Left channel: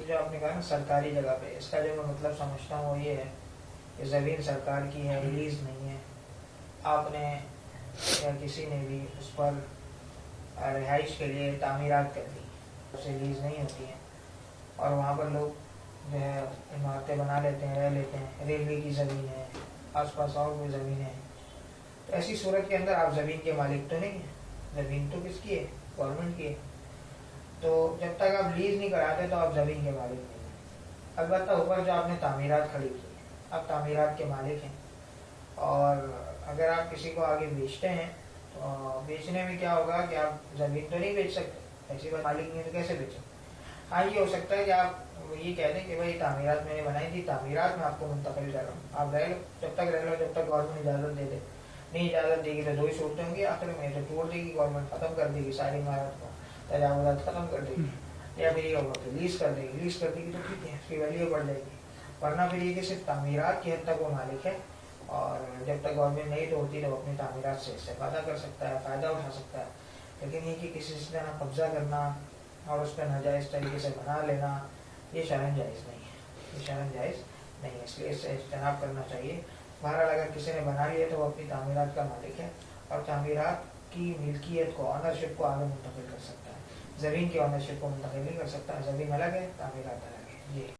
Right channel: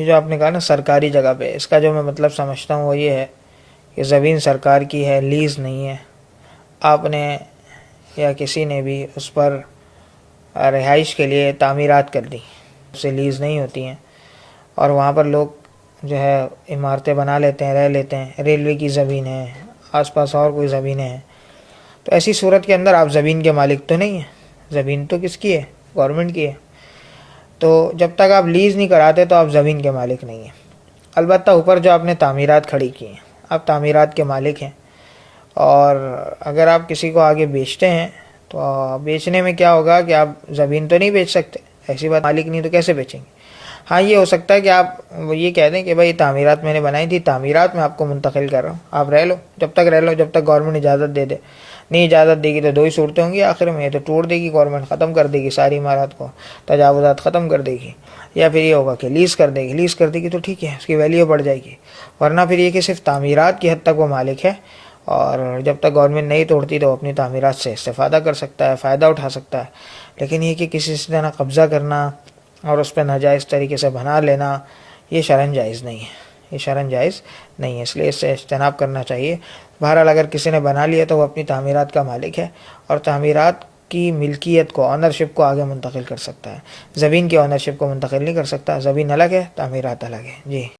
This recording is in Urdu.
یہ جو آپ نے کہا نا سرکاری جگہ پہ، اس کا جو میں مطلب سمجھتا ہوں وہ یہ ہے کہ زمین سرکار کی ہے، لیز نہیں ہے. آپ نے یا کسی نے بھی اس پر رہائش کے لیے تعمیرات کر دی، اسے لیز نہیں ہوتی ہیں، اور وہاں پر لوگ جو ہے عمارتیں بنا لیتے ہیں، رہ لیتے ہیں. ریلوے کی زمین ہے، آس پاس اور کوئی زمینیں ہیں، تو ایسی صورت کے اندر آپ زمین کے مالک تو نہیں ہیں. زمین تو کس کی ہے؟ گورنمنٹ کی ہے. تو جب تک آپ لیز نہیں کراتے تو آپ زمین کے مالک نہیں ہیں. البتہ اوپر جو آپ نے تعمیرات کھڑی کی ہیں، آپ تعمیرات کے مالک ہیں. اور اگر آپ کسی کو آگے بیچتے ہیں تو بیچنے میں کیا ہوگا کہ آپ زمین تو نہیں بیچ سکتے، ایسی بات، مالک نہیں تو کیسے بیچیں گے؟ ہاں یہ ہو سکتا ہے کہ آپ یہ کہہ دیں کہ بھائی تعمیرات میں نے بنائی تھی، تعمیرات میں آپ کو منتقل کر رہا ہوں، آپ رہ لو، جب تک رہ لو، جب تک گورنمنٹ اجازت دے دے. نہیں اجازت دے گی تو دو ہی صورتیں ہوں گی آخر میں، تو توڑ دے گی گورنمنٹ، ختم کر دے گی ساری عمارات کو، تجاوزات ختم کر دے گی. یا پھر یہ ہوگا کہ لیز کر دے گی. لیز کر دے گی تو ٹھیک ہے، اس کی ویلیو بڑھ جائے گی. ورنہ پھر یہ کہ صرف تعمیرات کی حد تک وہ مالک ہے، اور جب تک گورنمنٹ نہیں توڑتی تو وہ اپنی تعمیرات سے استفادہ کر سکتا ہے، فائدہ اٹھا سکتا ہے. لیکن یہ کہ کسی سے طرح قبضہ کرنا اور اس پہ ناجائز طریقے سے بنا لینا، یہ شرعاً جائز نہیں ہے. یہ شرعاً جائز نہیں ہے، اس لیے اس سے اجتناب کرنا چاہیے. بہرحال اگر کسی نے بنا لیا تو وہ اپنی تعمیرات کا مالک ہے، اور تعمیرات کی ملکیت کو، آنرشپ کو آگے منتقل کر سکتا ہے. زمین کی آنرشپ کو منتقل نہیں کر سکتا. زمین الگ ہے، تعمیرات الگ ہے. جی.